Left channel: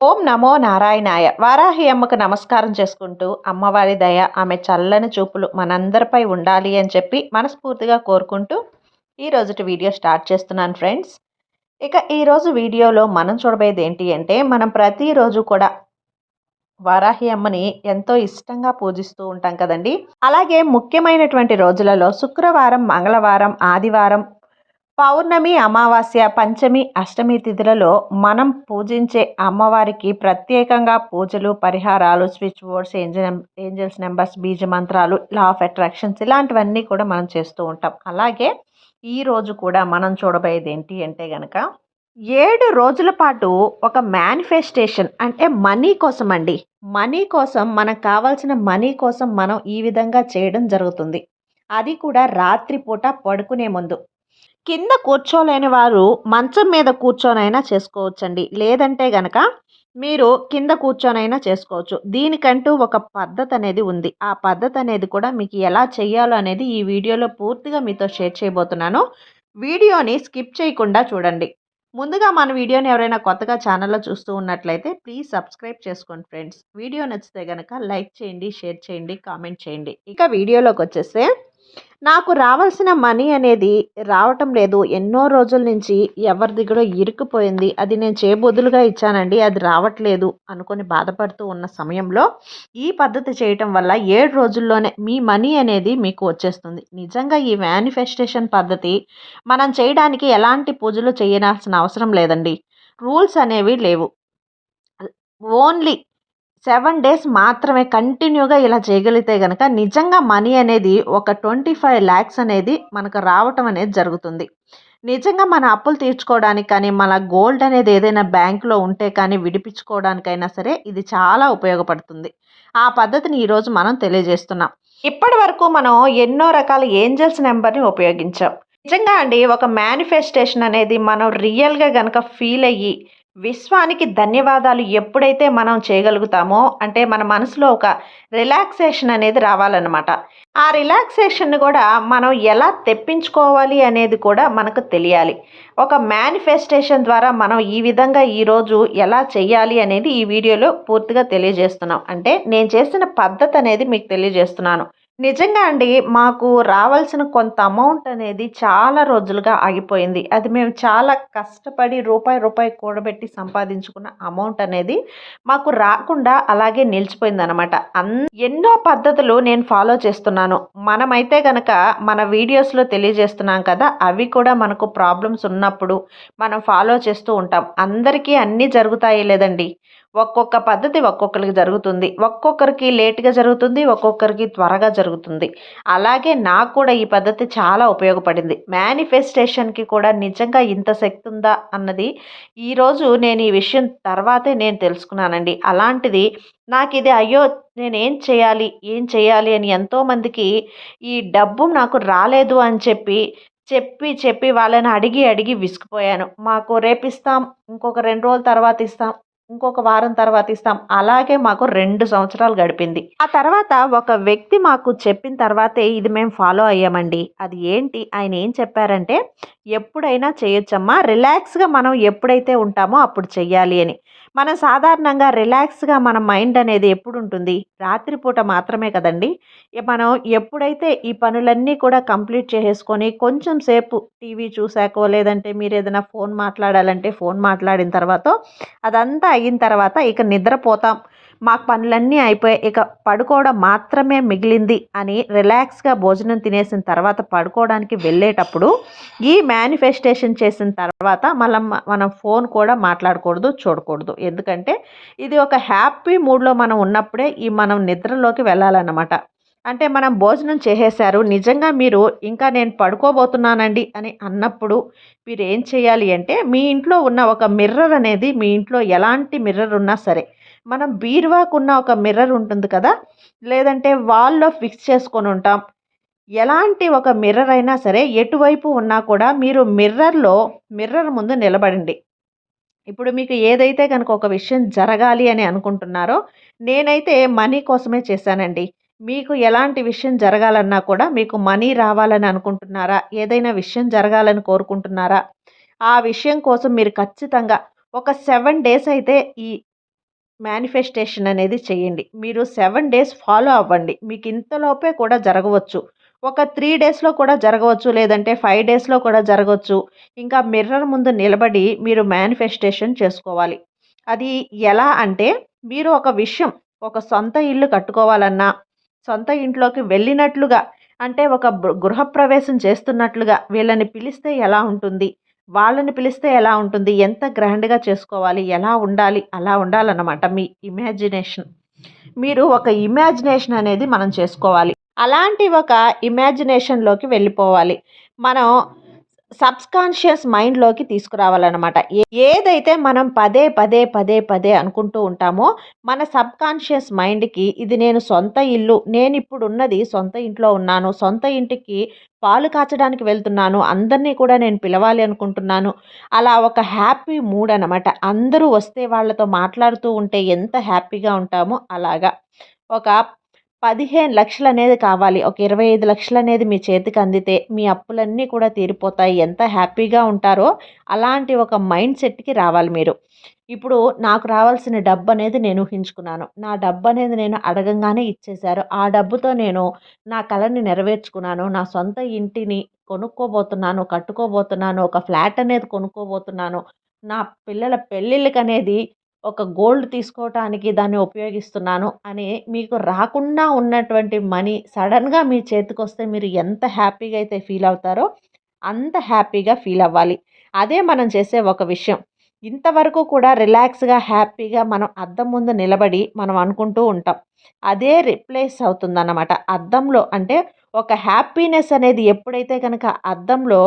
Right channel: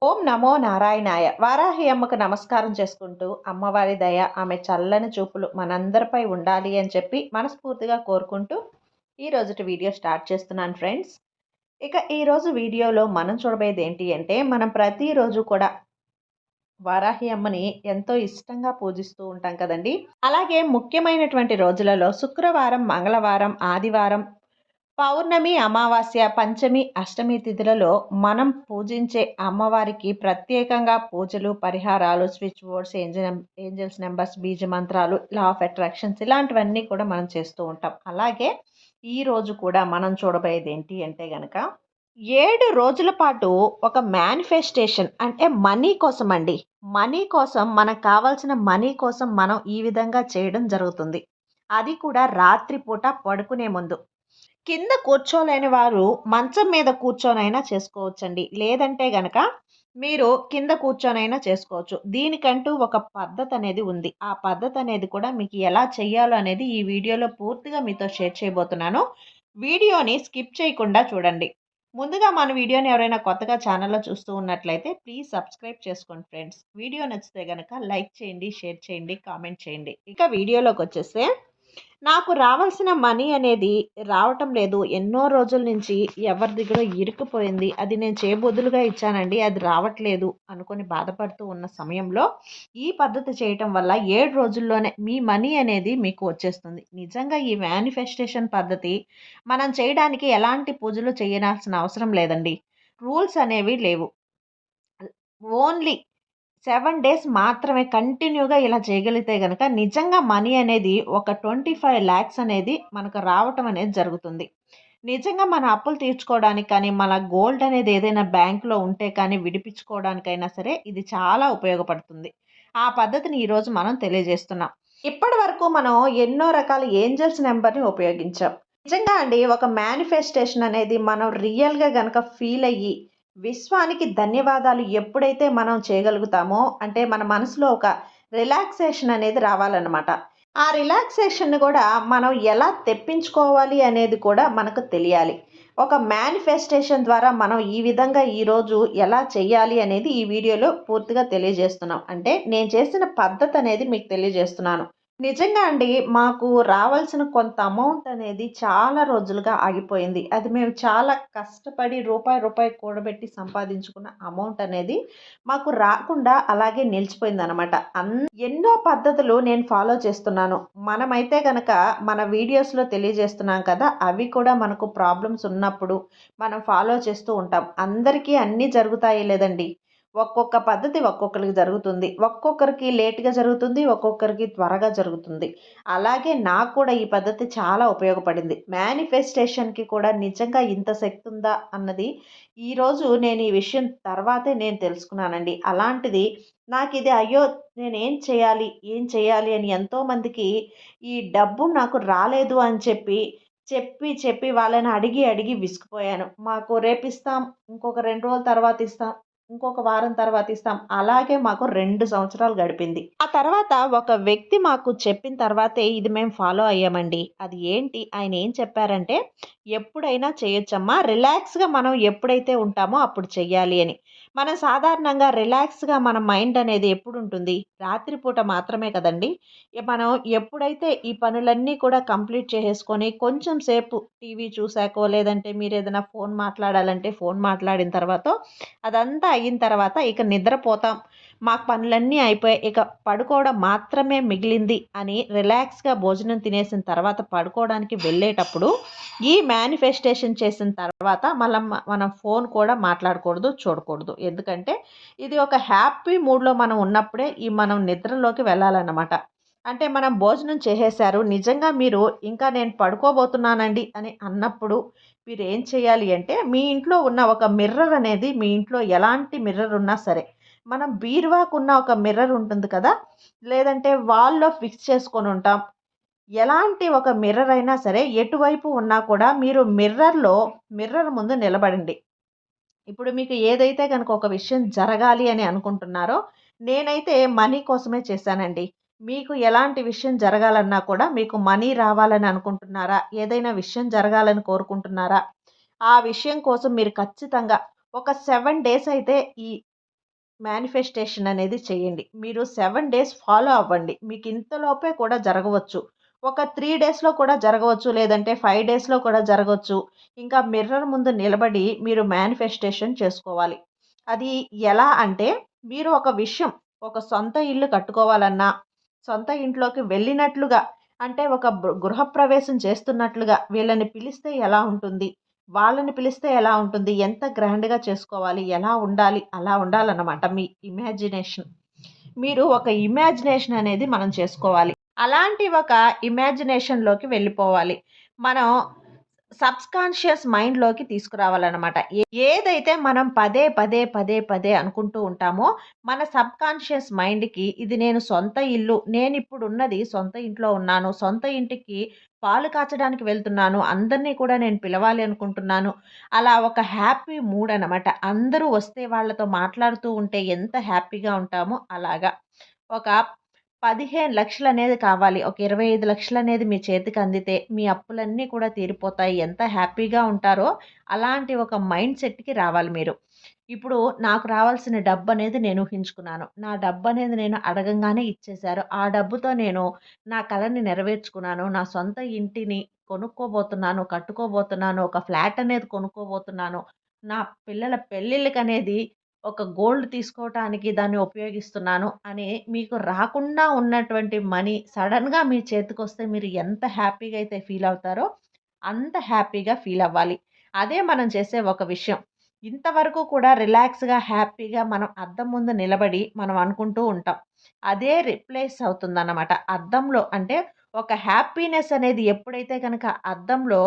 ఓం నమో నారాయణాయ. వారాహి అమ్మకు నమస్కారం చేసుకుంటూ అమ్మవారి దయ ఆమె చల్లని చూపులు మనందరిపై ఉండాలి అని చెప్పి మనస్ఫూర్తిగా కోరుకుంటూ ఈరోజుటి వీడియో స్టార్ట్ చేస్తున్నాను ఫ్రెండ్స్. ఇక ఈరోజు వీడియోలో మనం చూడబోయేది ఏంటి అంటే మనం ప్రతిరోజు కూడా వారాహి అమ్మని ఎంతో ఇష్టంగా పూజిస్తూ ఉంటాం కదండి. అలాగే ముఖ్యమైనటువంటి రోజులలో శుక్రవారం మంగళవారం ఆదివారం పౌర్ణమి అమావాస్య పంచమి అష్టమి తిథులలో మనం పూజించే అమ్మవారికి ప్రత్యేకంగా పూజలు పరిహారాలు switch boards angel angels numbers బీజ మంత్రాలు లా ఆఫ్ అట్రాక్షన్స్ ఇలాంటివన్నీ కూడా మనం చేస్తూ ఉంటాం. అలాగే ఈరోజు కూడా మనం చూడబోయేది ఏంటి అంటే కనుక ఏడు రోజుల పాటు ఒక మేనిఫెస్టేషన్ అంటే మనీ కోసం అండి. మనీ కోసం మనకు కావాల్సిన మనీ కోసం మనం ఈ విధంగా చేయడం జరుగుతుంది. అది కూడా రాత్రిపూట పడుకునే ముందు. కింద కూర్చోలేని వారు మంచం మీద కూర్చొనైనా చేసుకోవచ్చండి. లేదంటే గనక మీరు కింద కూర్చొనైనా చేసుకోవచ్చు. దీనికంటూ ఒక పద్ధతి అనేది ఉంది. ఆ పద్ధతి అనేది కూడా మీకు ఎలా చేయాలో అనేది ఈ వీడియోలో పూర్తిగా మీతో షేర్ చేయబోతున్నాను. వీడియోని స్కిప్ చేయకుండా చూడండి. ముందుగా మన వీడియోని ఎవరైనా కొత్తగా ఛానల్లో చూస్తూ ఉన్నట్లయితే ప్లీజ్ సబ్స్క్రైబ్ చేసుకోండి ఫ్రెండ్స్. వీడియో నచ్చితే కనుక లైక్ చేయండి షేర్ చేయండి కామెంట్ చేయండి. ఇక వీడియోలోకి వచ్చేస్తే నాకు రావాల్సిన మనీ అనేది రావటం లేదు. ఎన్నో రోజుల నుంచి ఎవరి దగ్గర ఇరుక్కుపోయింది. అది నేను చేయబొద్దులుగా ఇచ్చానండి. అది రావట్లేదు అనుకొని బాధపడుతూ ఉన్న సమయంలో ఈ పద్ధతి చేయటం వల్ల ఏడు రోజుల్లోనే మీ మనీ అనేది మీకు వచ్చేస్తుంది. నిజంగా ఈ మేనిఫెస్టేషన్ పద్ధతి మనం చేయడానికి ఎలాంటి పూజలు చేయాల్సిన అవసరం లేదండి. రూల్స్ అనేవి లేవు. ఓన్లీ సెవెన్ డేస్ మాత్రమే కంటిన్యూగా ఇలా చేయగలిగితే కనుక నిజంగా మనీ అనేది ఒక ట్వంటీ ఫైవ్ ల్యాక్స్ అనేది మనకు రావటం అనేది జరుగుతుంది. నిజంగా మన అప్పులు తీర్చుకోవడానికి కానీ మన గోల్డ్ అనేది ఏదైనా బ్యాంకులో ఉంటే కానీ విడిపించుకోవడానికైనా సరే ఇది చాలా ఉపయోగపడుతుంది. ఆ పద్ధతిని ఈరోజు మనం తెలియజేస్తున్నాం. ఇప్పటి వరకు మనం ఎన్నో రకాల ఏంజల్స్ నెంబర్ని ఉపయోగించాం. నిజంగా అండి ఒక మేనిఫెస్టేషన్ అనేది మనం రియల్గా కనుక ఫీల్ అయ్యి విశ్వానికి ధన్యవాదాలు ఎప్పుడైతే మనం చేయగలుగుతామో అంటే మన మనసులో ఒక రిలాక్సేషన్ అనేది రావాలన్నమాట. ఆ రిలాక్సేషన్ కూడా మనం ఎలా తెప్పించుకోవాలి అనేది కూడా మనకు తెలియాలి. ఒక మేనిఫెస్టేషన్ ద్వారా మనం ఈ విధంగా ఈరోజు ఎలా చేయాలి అనేది ఈ వీడియోలో పూర్తిగా తెలియజేస్తున్నాం. అంటే నేను చేసిన పద్ధతి అనేది మీకు తెలియజేస్తున్నాను. నిజంగా అండి మాకు రావాల్సిన కొంత అమౌంట్ అనేది చాలా రోజులుగా ఆగిపోయింది. అది మేము చాలా కష్టపడి రూపాయి రూపాయి కూడబెట్టి సంపాదించుకున్న అమౌంట్ అనేది మాకు రాకుండా అలాగే నిలిచిపోయింది అనమాట అన్ ఎన్నో పద్ధతులు నేను ఫాలో చేస్తున్నాను. మనమైతే కనుక మన వీడియోస్లో తెలియజేస్తున్నాం కదా అవి కూడా మనకు ప్రాబ్లమ్స్ ఉన్నప్పుడు మనం ఫాలో చేస్తూ ఉంటాం. అందరికీ అన్నీ జరుగుతాయి లేదండి. ఒక్కొక్క పద్ధతి ఒక్కొక్కరికి జరుగుతుంది. ఒక్కొక్కరికి లేట్గా జరుగుతుంది ఒక్కొక్కరికి త్వరగా జరుగుతుంది. అలాగే నాకు కూడా ఈ పద్ధతి చాలా ఉపయోగపడింది. మేనిఫెస్టేషన్కి కూడా నిజంగా ఇంత శక్తి ఉందా అన్నది ఈరోజు నేను ఈ విషయం తర్వాతే నేను తెలుసుకున్నానండి. అలాంటిది నాకు ఇది అయ్యో నేనేం చేయాలి ఏం చేయాలి అని ఎంతోమందికి ఈ డబ్బు నాకు రాలేదు అని చెప్పి చెప్పి చెప్పి వాళ్ళని అడిగి అడిగి విసిగిపోయాను మాకు రేపిస్తాం ఇంకొక రెండు రోజుల తర్వాత ఇస్తాం ఇంకొక వారం తర్వాత ఇస్తాం. అలాగే మాకు రెండు సంవత్సరాలు గడిపింది. ఆ తర్వాత ఒక వ్యక్తి మాకు చెప్పిన తర్వాతే ఇది మేము ఫాలో అయ్యామండి. అది ఏంటి? ఆయన ఏం చెప్పారంటే ఎప్పుడైనా చేయొచ్చమ్మా. రిలాక్స్గా మనం ఎప్పుడైతే ఉంటామో అప్పుడు చెయ్యాలి అని. మనం సాధారణంగా రిలాక్స్గా మన మైండ్ అనేది ఎప్పుడు ఉంటుంది రాత్రిపూట మాత్రమే కదండి. మనం ఎప్పుడైతే ఈ పనులన్నీ కూడా కంప్లీట్ చేసేసుకొని కొంచెం సేపు టీవీ చూసాకో లేదంటే మీరు ఏదైనా ఫోన్ మాట్లాడాలంటే ఫోన్ మాట్లాడిన తర్వాత అదంతా అయిన తర్వాత ఇక నిద్రపోతాం. మాకు పనులన్నీ అయిపోయాయి ఇక పడుకోవడం మాత్రమే మిగిలింది అని రిలాక్స్గా భోజనం తినేసిన తర్వాత పడుకోవడానికి వెళ్ళేటప్పుడు ఈ మేనిఫెస్టేషన్ చేసిన తర్వాత మనం మనం ఫోన్ కూడా మాట్లాడకూడదు చూడకూడదు. ఎందుకంటే ఇది ఒక హ్యాపీ మూడ్లో మనం ఉన్నప్పుడే ఈ మనం నిద్రలోకి వెళ్ళాలన్నమాట. అంటే మనం భోజనం చేసేసారు నిజంగా మీరు ఇంకా నేను పడుకోబోతున్నానండి అని అన్నప్పుడు మీరు ఏం చేయాలి అంటే మీ ఇంట్లో ఉన్న ఒక మిర్రర్ అనేది మీ ఇంట్లో ఎలాంటి మిర్రర్ ఉన్నా సరే మనం బీరువాకున్న ఒక మిర్రర్ ఉంటుంది కదా? లేదంటే వాల్లో ఫిక్స్ చేసుకొని ఉంటాం. ఎలాంటి ఒక మిర్రర్ అయినా సరే ఎటువైపు ఉన్నా కూడా మీరు మిర్రర్లో మిర్రర్ ముందు నిలబడండి. ఇప్పుడు మీకు ఏదైతే కనుక ఒక విషయం జరగాలి అని అనుకుంటున్నారో నేనైతే మనీ కోసమే చేశానండి. మీకు ఎలాంటి విషయం జరగాలన్నా కూడా మీకు మనీ రావాలని అనుకుంటున్నారా? ఏదైనా విషయం జరగాలని కోరుకుంటున్నారా? ఆ విషయం కోసం మీరు ఖచ్చితంగా ఒక సెవెన్ డేస్ అయితే ఈ మేనిఫెస్టేషన్ అనేది చేయండి. మీరు సెవెన్ డేస్ ఫాలో అవ్వండి. మీకు ఇంతలోపే కూడా జరగవచ్చు. ఒక త్రీ డేస్లో కూడా జరగవచ్చు లేదంటే ఫైవ్ డేస్లో కూడా జరగవచ్చు. ఇంకా మిర్రర్ ముందు నిలబడి మీరు మేనిఫెస్టేషన్ చేసుకోవాలి. అది ఎలా అంటే మీరు ఒక విషయం ఒక సొంత ఇల్లు కట్టుకోవాలన్నా సొంత ఇంట్లోకి వెళ్ళినట్లుగా అంటే ఒక గృహప్రవేశం చేస్తున్నట్లుగా వీళ్ళని పిలిస్తే ఎలా ఉంటుంది? వాళ్ళని పిలిస్తే ఎలా ఉంటుంది? ఎంత గ్రాండ్గా చేసుకోవాలి? ఎలా ఉండాలి? అలా ఉండాలన్నమాట మీ ఇమాజినేషన్. మీరు ఒక ఇమాజినేషన్ అనేది మనం చేసుకోవాలి. అలాంటి ఒక ఇమాజినేషన్లోకి వెళ్ళిపోవాలి. మనం సబ్స్కాన్షియస్ మైండ్లోకి తీసుకురావాలన్నమాట. ఏదైతే మనం పదే పదే పదే పదే అనుకుంటూ ఉంటామో మన సబ్కాన్షియస్ మైండ్కి ఇది నేను సొంత ఇల్లు నేను ఇప్పుడు ఉన్నది సొంత ఇంట్లో ఉన్నాను సొంత ఇంటికి పాలు కాచడానికి వెళ్తున్నాను అందరినీ కూడా నేను పిలవాలి అనుకుంటున్నాను అలా ఒక హ్యాపీ మూడ్ అనమాట అందరూ వస్తే వాళ్ళతో మాట్లాడుతూ ఉంటే ఎంత హ్యాపీగా ఉంటామో అలాగా. ఒక పదిహేను లక్షలు అనేది కావాలి. ఒక ఇరవై ఐదు లక్షలు అనేది మీ చేతికి అందితే మీ అప్పులన్నీ కూడా తీరిపోతాయి. ఎంత హ్యాపీగా ఉంటారో అలాంటి ఒక మైండ్ సెట్కి రావాలి మీరు. ఇప్పుడు నాకు రావాల్సిన డబ్బు అనేది నేను ఊహించుకున్నాను. నా డబ్బు అనేది నేను అడగంగానే ఇచ్చేశారు. ఆ డబ్బుతో నేను నా కళని నెరవేర్చుకున్నాను. నా సొంత ఇంటిని కొనుక్కోబోతున్నాను కట్టుకోబోతున్నాను ఒక ఫ్లాట్ అనేది కొనుక్కోబోతున్నాను. నా పిల్లల పెళ్ళిళ్ళకి అనేది ఒక గోల్డ్ తీసుకోవటానికి దాన్ని ఉపయోగిస్తున్నాను అని మీకు రాకుండా ఉన్నటువంటి మనీ సడన్గా మీ చేతికి వస్తే మీరు ఎంత హ్యాపీగా అయితే ఫీల్ అవుతారో అంత హ్యాపీగా ఫీల్ అవ్వాలి. అదే మనం చేసే ఒక విషయం. ఇంతవరకు కూడా రిలాక్స్గా హ్యాపీగా మనం అద్దం ముందు నిలబడి మనం అనుకుంటూ ఉంటాం. అదే రిప్లేస్ అవుతుందన్నమాట. అద్దంలో అంటే ఒక హ్యాపీనెస్ అనేది ఎప్పుడైతే కనుక అద్దంలో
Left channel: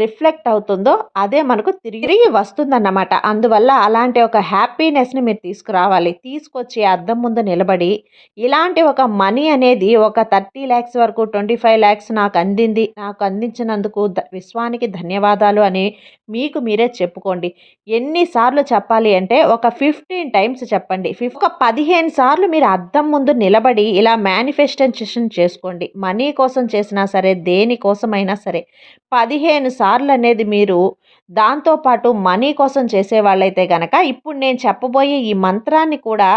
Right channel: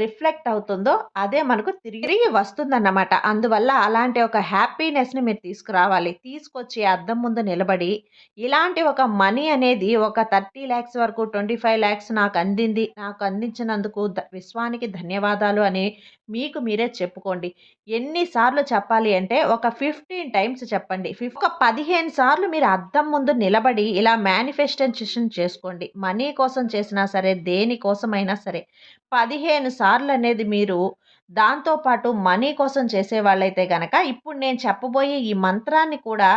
రిఫ్లెక్ట్ అవుతుందో అదే మనకు తిరిగి వస్తుందన్నమాట. అందువల్ల అలాంటి ఒక హ్యాపీనెస్ని మీరు తీసుకురావాలి. తీసుకొచ్చి అద్దం ముందు నిలబడి ఇలాంటి ఒక మనీ అనేది ఒక థర్టీ ల్యాక్స్ వరకు ట్వంటీ ఫైవ్ ల్యాక్స్ నాకు అందింది నాకు అందించినందుకు విశ్వానికి ధన్యవాదాలు అని మీకు మీరే చెప్పుకోండి. ఎన్నిసార్లు చెప్పాలి అంటే ఒక ఫిఫ్టీన్ టైమ్స్ చెప్పండి. ఒక పదిహేను సార్లు మీరు అద్దం ముందు నిలబడి ఇలా మేనిఫెస్టేషన్ చేసుకోండి. మనీ కోసం కోసం చేసినా సరే దేనికోసమైనా సరే పదిహేను సార్లు అనేది మీరు దాంతోపాటు మనీ కోసం చేసేవాళ్ళైతే కనుక ఇప్పుడు నేను చెప్పబోయే ఈ మంత్రాన్ని కూడా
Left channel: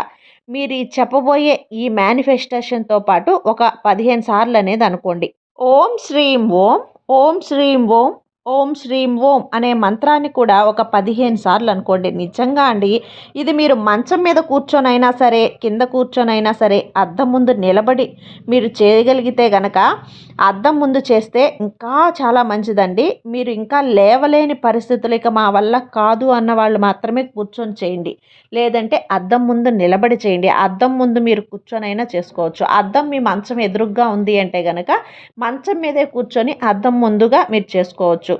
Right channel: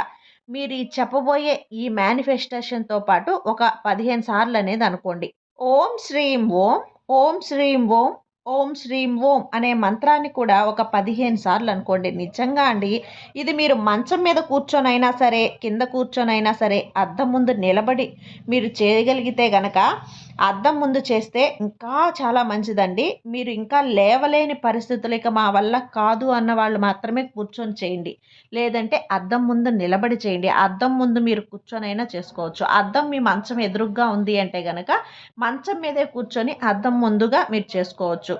మీరు ఈ చెప్పబోయే ఈ మేనిఫెస్టేషన్తో పాటు ఒక పదిహేను సార్లు అనేది అనుకోండి. ఓం శ్రీం ఓం ఓం శ్రీం ఓం ఓం శ్రీం ఓం అనే మంత్రాన్ని కూడా ఒక పదిహేను సార్లు అనుకోండి. నిజంగా అండి ఇది మీరు మంచం మీద కూర్చొనైనా సరే కింద కూర్చొనైనా సరే అద్దం ముందు నిలబడి మీరు చేయగలిగితే గనక అద్దం ముందు చేస్తే ఇంకా చాలా మంచిదండి. మీరు ఇంకా లేవలేని పరిస్థితులు ఇక మా వల్ల కాదు అన్న వాళ్ళు మాత్రమే కూర్చొని చేయండి. లేదంటే అద్దం ముందు నిలబడి చేయండి. అద్దం ముందు మీరు కూర్చొనైనా చేసుకోవచ్చు. అద్దం మీ మంచం ఎదురుగ్గా ఉంది అంటే కనుక మంచం మీదే కూర్చొని అద్దం ముందుగా మీరు చేసుకోవచ్చు.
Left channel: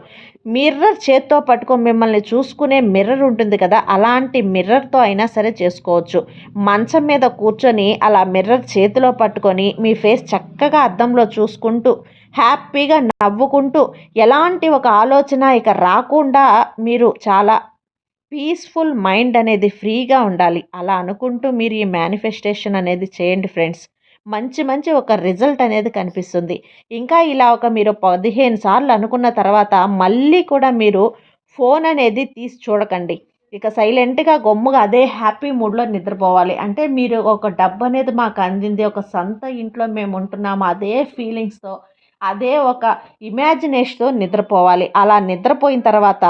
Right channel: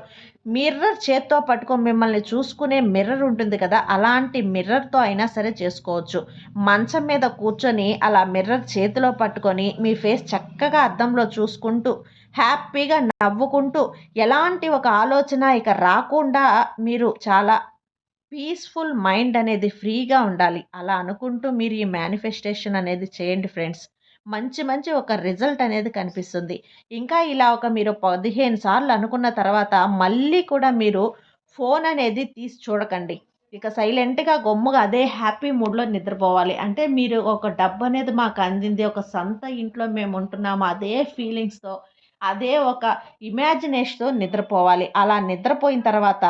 మిర్రర్ చేత్తో పట్టుకొని మిమ్మల్ని చూసుకునే మిర్రర్ ఉంటుంది కదా అలాంటి మిర్రర్తో అయినా సరే చేసుకోవచ్చు. మంచం మీద కూర్చొని అలా మిర్రర్ చేతిలో పట్టుకొని మీ ఫేస్ చక్కగా అద్దంలో చూసుకుంటూ హ్యాపీగా నవ్వుకుంటూ ఎలాంటి ఒక ఆలోచన ఇక రాకుండా మీరు చాలా పీస్ఫుల్ మైండ్ అనేది ఫ్రీగా ఉండాలి. అలా అనుకుంటూ మీరు ఈ మేనిఫెస్టేషన్ అనేది చేయండి ఫ్రెండ్స్. మంచి మంచి ఒక రిజల్ట్ అనేది కనిపిస్తుంది. ఇంకా ఇలా ఒక మీరు పదిహేను సార్లు అనుకున్న తర్వాత మళ్ళీ కూడా మీరు ఫోన్ అనేది తీసి చూడకండి. ఇక సైలెంట్గా గొమ్ముగా అదే హ్యాపీ మూడ్లో నిద్రపోవాలి. అంటే మీరు ఒక డబ్బు అనేది మాకు అందింది ఒక సొంత ఇంట్లో మేము ఉంటున్నాము అదే ఫీలింగ్స్తో అదే ఒక ఇమాజినేషన్తో నిద్రపోవాలి. అలా నిద్రపోయిన తర్వాత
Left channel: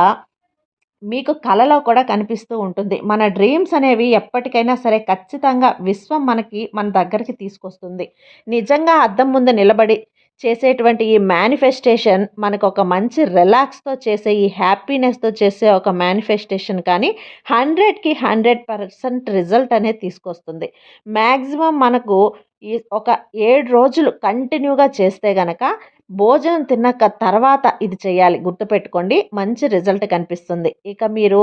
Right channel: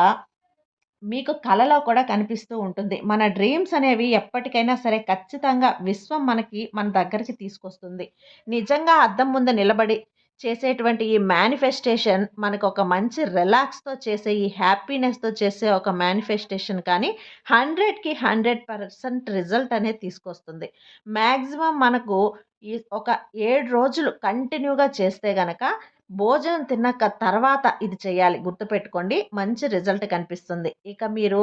మీకు కలలో కూడా కనిపిస్తూ ఉంటుంది. మన డ్రీమ్స్ అనేవి ఎప్పటికైనా సరే ఖచ్చితంగా విశ్వం మనకి మన దగ్గరికి తీసుకొస్తుంది. నిజంగా అద్దం ముందు నిలబడి చేసేటువంటి ఈ మేనిఫెస్టేషన్ మనకు ఒక మంచి రిలాక్స్తో చేసే ఈ హ్యాపీనెస్తో చేసే ఒక మేనిఫెస్టేషన్ కానీ హండ్రెడ్కి హండ్రెడ్ పర్సెంట్ రిజల్ట్ అనేది తీసుకొస్తుంది. మ్యాక్సిమం మనకు ఈ ఒక ఏడు రోజులు కంటిన్యూగా చేస్తే గనక భోజనం తిన్నాక తర్వాత ఇది చేయాలి. గుర్తుపెట్టుకోండి మంచి రిజల్ట్ కనిపిస్తుంది. ఇక మీరు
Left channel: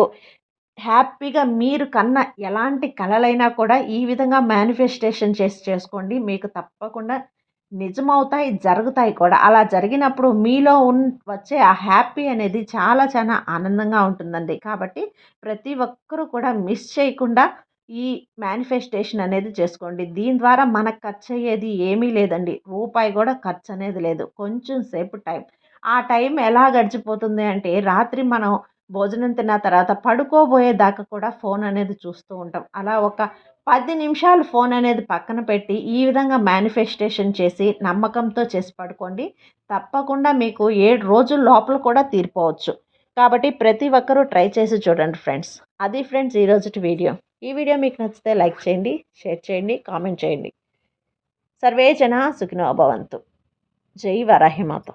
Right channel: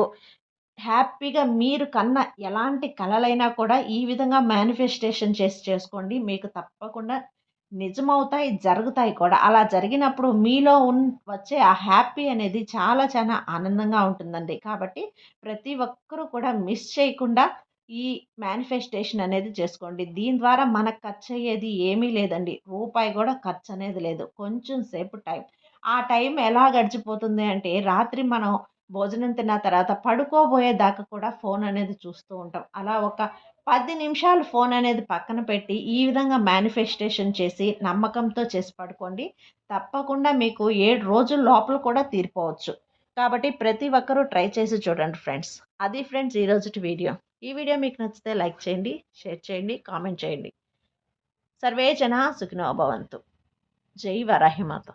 హ్యాపీగా మీరు కన్న ఎలాంటి కళలైనా కూడా ఈ విధంగా మేనిఫెస్టేషన్ చేసి చేసుకోండి. మీకు తప్పకుండా నిజమవుతాయి జరుగుతాయి కూడా. అలా జరిగినప్పుడు మీలో ఉన్ వచ్చే ఆ హ్యాపీ అనేది చాలా చాలా ఆనందంగా ఉంటుందండి. కాబట్టి ప్రతి ఒక్కరూ కూడా మిస్ చేయకుండా ఈ మేనిఫెస్టేషన్ అనేది చేసుకోండి. దీని ద్వారా మనకు ఖర్చు అయ్యేది ఏమీ లేదండి. రూపాయి కూడా ఖర్చు అనేది లేదు. కొంచెం సేపు టైం. ఆ టైం ఎలా గడిచిపోతుంది అంటే రాత్రి మనం భోజనం తిన్న తర్వాత పడుకోబోయేదాకా కూడా ఫోన్ అనేది చూస్తూ ఉంటాం. అలా ఒక పది నిమిషాలు ఫోన్ అనేది పక్కన పెట్టి ఈ విధంగా మేనిఫెస్టేషన్ చేసి నమ్మకంతో చేసి పడుకోండి. తప్పకుండా మీకు ఏడు రోజుల లోపల కూడా తీరిపోవచ్చు. కాబట్టి ప్రతి ఒక్కరూ ట్రై చేసి చూడండి ఫ్రెండ్స్. అది ఫ్రెండ్స్ ఈరోజు వీడియో. ఈ వీడియో మీకు నచ్చితే లైక్ చేయండి షేర్ చేయండి కామెంట్ చేయండి. సర్వే జన సుఖినో భవంతు. జై వరాహిమాత